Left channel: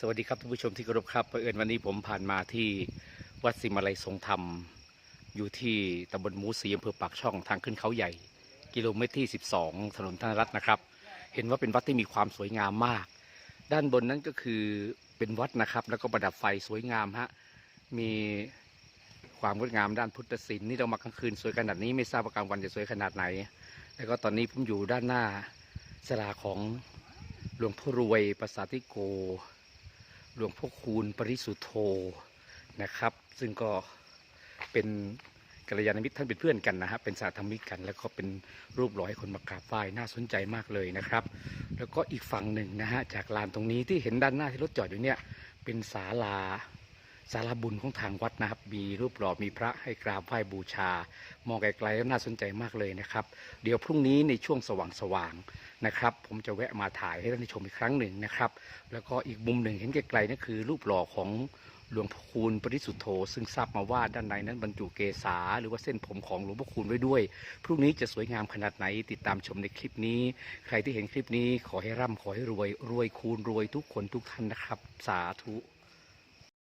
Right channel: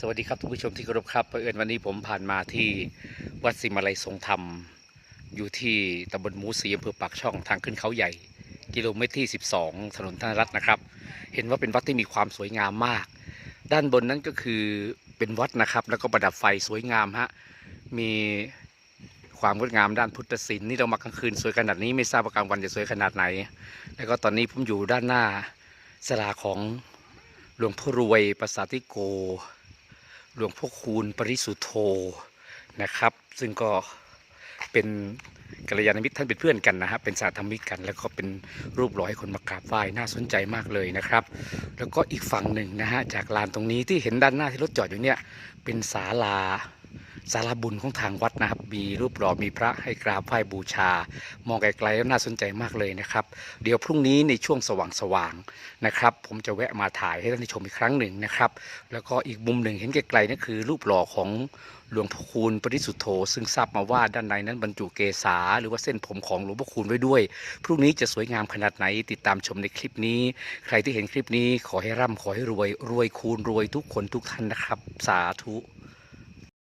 สวัสดีครับทุกผู้ชมที่เคารพครับเผอิญวันนี้ผมผ่านมาที่วัดสิมาลัยทรงธรรม อยู่ที่ตำบลหมูสีอำเภอปากช่องทางขึ้นเขาใหญ่ กิโลเมตรที่ 12 ถนนธนรัตน์นะครับ เห็นว่าเป็นวัดที่มีความสวยงามมาก ด้านบนนั้นก็คือเป็นวัดนะครับ แล้วก็ประดับไฟสวยงามฮะมีความงดงามด้านพุทธศิลป์นี่เรามากลางคืนสวยขนาดนี้ไม่ทราบว่ากลางวันจะสวยขนาดไหน แล้วก็ตอนนี้ผมอยู่ด้านหน้าสลาของหลวงพ่อรวยประสาทิโก หลวงพ่อคูณปริสุทธโธนะครับ ซึ่งก็เป็นกัลยาณมิตรท่านเป็นเพื่อนกันนะฮะเป็นสาธมิกกัน แล้วก็เป็นรูปหล่อให้คนมากราบไหว้น่าสนใจมากเลยนะครับ แล้วก็อีกฝั่งหนึ่งนะฮะจากลานตรงนี้ที่เห็นด้านหน้าที่รถจอดอยู่เนี่ยเป็นศาลา ศาลาบุญของทางวัดนะครับ มีรูปหล่อมีพระให้กราบไหว้บูชา มองไกลๆแล้วน่าสนใจมากเลยนะครับ เดี๋ยวพรุ่งนี้ในช่วงสว่างๆนะครับ ผมจะแวะมาถ่ายให้ท่านได้ชมอีกครั้งหนึ่งนะครับ แล้วก็อีกมุมหนึ่งเห็นไกลๆนั่นคือ รูปหล่อของหลวงพ่อคูณปริสุทธโธ ซึ่งทราบมาว่าด้านในนั้นบรรจุเกษาหรือว่าเส้นผมของหลวงพ่อคูณไว้ด้วย พรุ่งนี้จะสวยงามขนาดไหนติดตามชมในคลิปนี้ ใครที่เห็นคลิปนี้ขอให้ร่ำขอให้รวย รวยคูณรวยทุกคนทุกท่านนะครับ สาธุ